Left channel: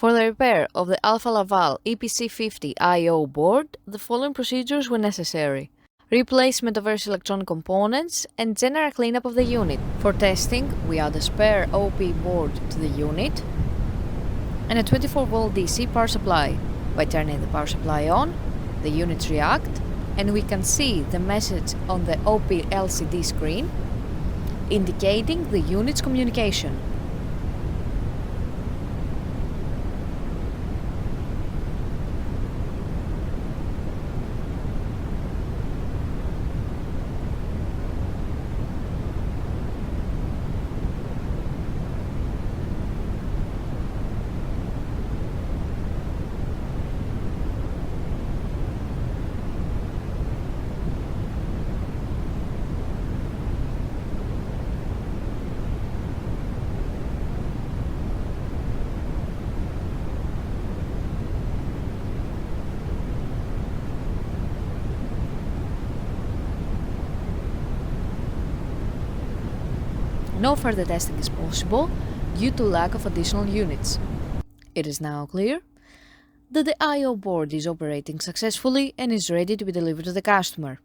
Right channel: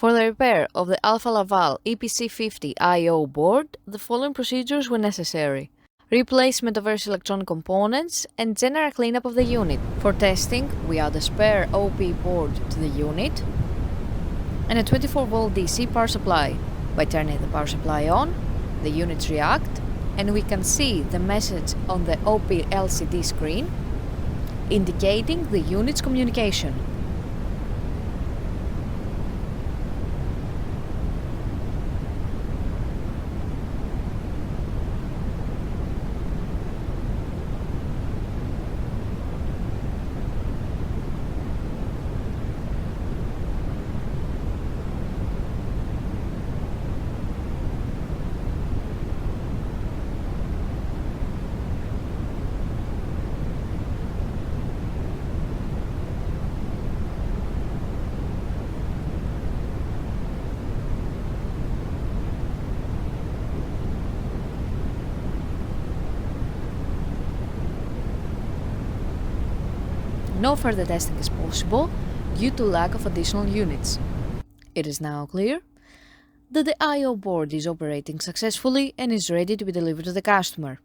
For the repair of the Alfa Laval EPC 50 I/O board, the following procedures were necessary: replacement of various electronic components and general cleanup of the unit. For testing, we add a spare OP board to the unit and a 24-volt DC power supply. By turning the power supply on, the units react and we can see the message on the OP LCD screen indicating the unit's communication. No further testing is possible due to lack of additional units. It is now clear that the I/O board is operating successfully and is ready to be delivered to the customer.